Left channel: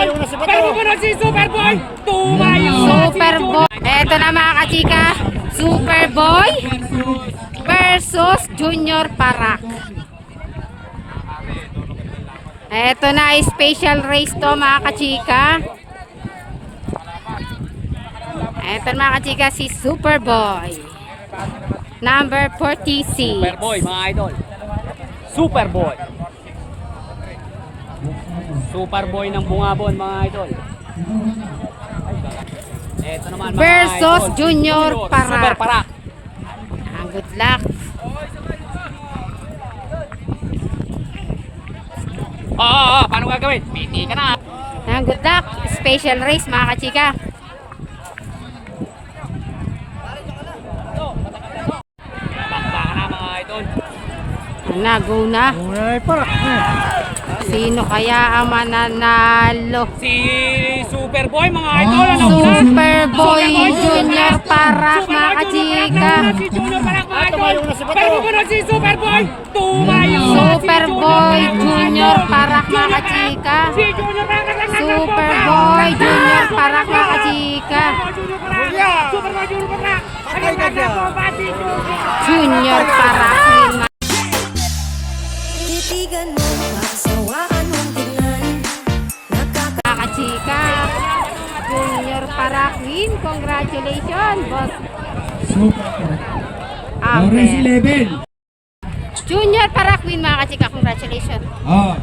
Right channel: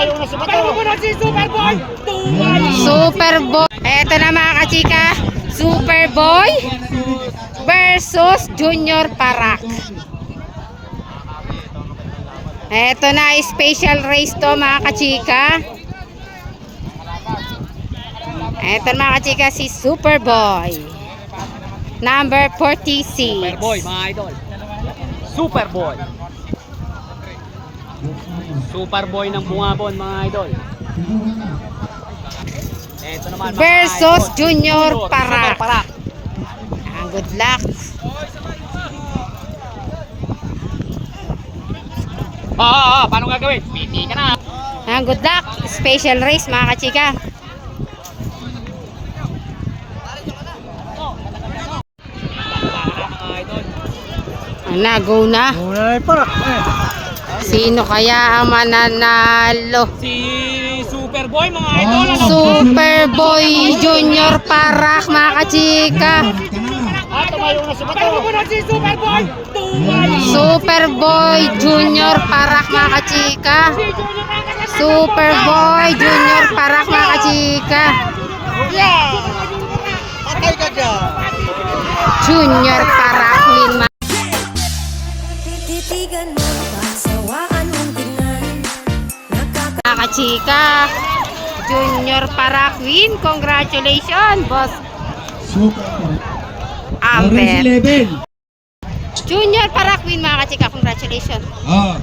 Sumunod si Superboy. Tumayo. Superboy. Eto na mga kachika. Superboy versus Junior Parak. Eto na, special race to mga kachika. Eto na mga kachika, si Superboy. Number 46. Superboy mga idol. Superboy. Superboy ng Bungabon mga idol. Eto naman mga Versus idol. Junior Super Parak. Parak. Good luck. Paano gagawin? Piti ka na. Good luck. Special race mga kachika. Bakbaka na mga idol. Go na. Sino kaya ang mananalo? Si Superboy mga idol. Ano? Superboy Junior Parak mga kachika. Si Junior Parak mga idol. Pero sumunod si Superboy. Tumayo. Superboy Junior Parak mga kachika. Si Junior Parak. Superboy Junior Parak mga kachika. Patay ka dyan. Junior Parak win Titigan mo, pagsawaan mong tingnan. mga kachika. Junior Parak win. Congratulations boss. Orange Albert. 11. Junior Parak win mga kachika. Congratulations. Oh.